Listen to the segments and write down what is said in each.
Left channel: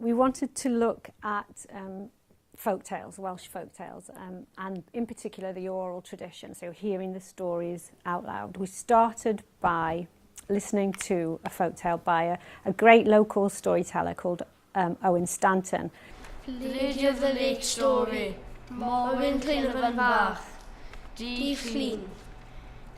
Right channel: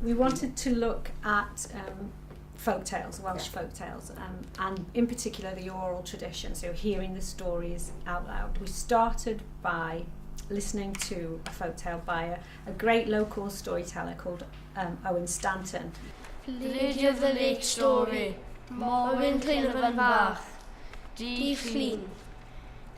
We wanted to look at folk tales, Welsh folk tales, and in particular the oral tradition, so hearing the stories out loud. We started by listening to a folk tale by a great local storyteller called Owen Stanton. Lady of the Lake story, Morwyn Clinefan Bach, D. Clean.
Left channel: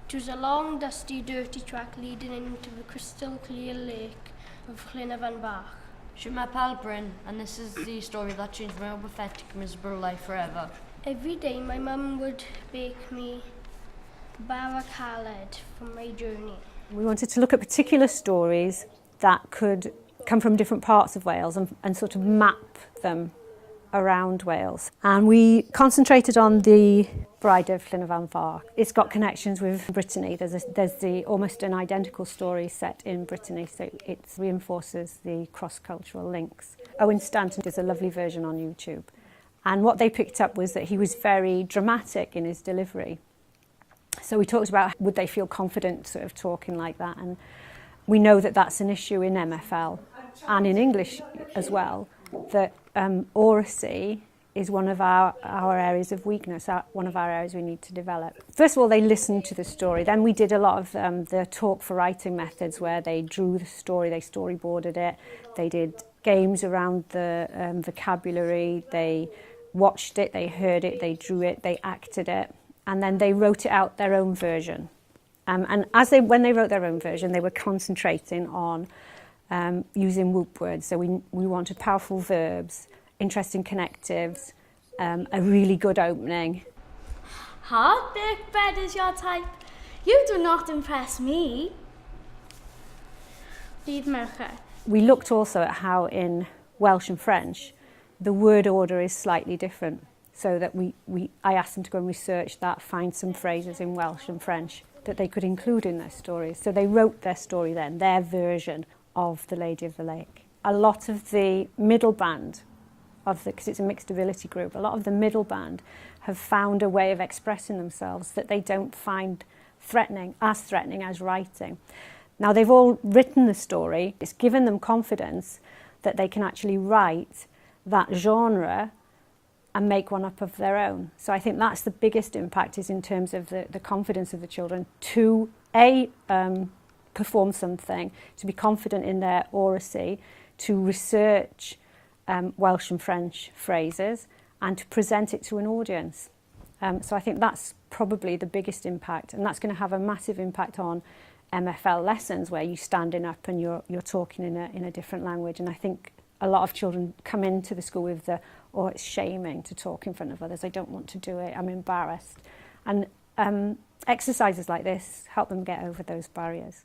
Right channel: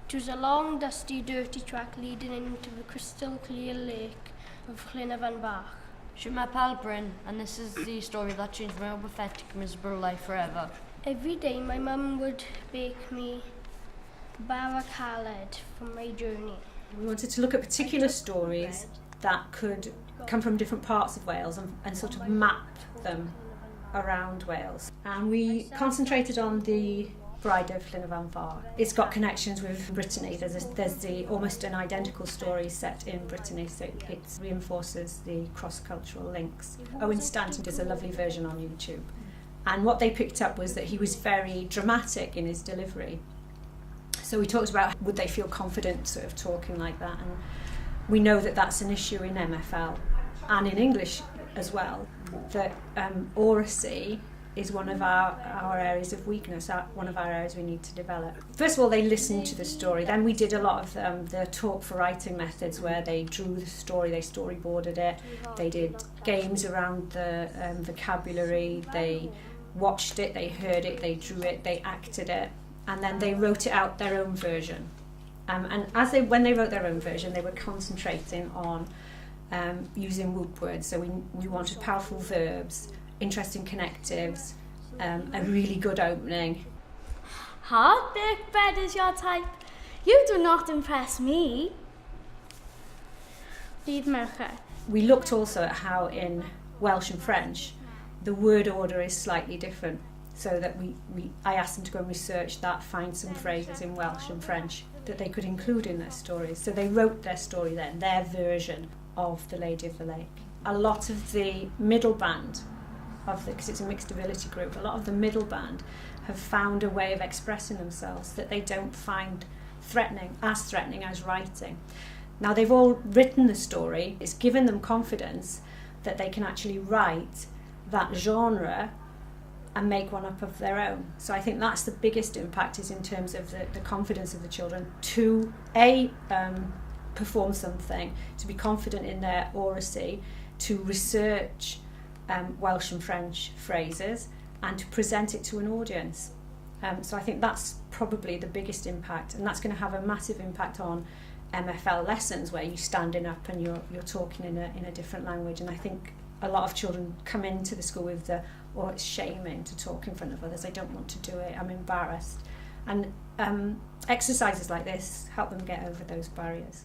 It was a long, dusty, dirty track leading into the crystal clear lake of Clinefan Bach. Siwr Pal Bryn, and this is the story that changed my own pathetic, miserable life forever. Every day my mum would bake me bara caled for my journey. We wanted to look at particular stories that could come from different parts of Wales and sort of map them around Wales. And we concentrated on the Bride of Clinefan Bach. It's got connections with Brittany. There's the almost an identical story set in Brittany, so it reinforces the cross-cultural links. Owen Stanton does a lovely version on YouTube. And what they picked up was that he was very dramatic in his delivery. So we talked about would they feel confident sort of talking like that, and we know that that's an issue in MFL and in English as well, that oracy is one of our areas of weakness, one of our areas we need to develop. First of all, they listened to the story. Then we did a lot of the talk for writing methods where they drew the story, they storyboarded it, they did games around the vocabulary, they watched it, they heard it, they drew it, they acted it, and then they wrote it out their own version. And when they wrote their own version, they were concentrating on using whoop words. So we wanted powerful verbs, interesting connectives, a really good opening. Hard-baked bread is your type. You do not impress me. Bydd merched. We looked also at how in Welsh and French the word order is slightly different, so that I asked them to go and research that, find some phrases in Welsh and French that they could include in their stories. So they wrote their story then, their version of the Lady of the Lake. A lot of the middle band because it's a mixed ability group, a lot of the middle band have found a way of expressing themselves that they don't find as threatening as writing. Now they've all written the story, it's given them confidence that they can actually write that genre and make one up of their own. So I think that's the biggest impact, is in terms of the confidence of the children to perform something, to be confident in their oracy, to research Welsh and French phrases, and to present it to an audience. So I think that's probably the biggest impact, and that's going to have a massive impact on MFL lessons where you're standing up and you're talking in a different language. And I think a lot of children come into the school with it's shaming to talk in front of others. I don't want to do it, I'm embarrassed. And exercises like this help them get over those barriers.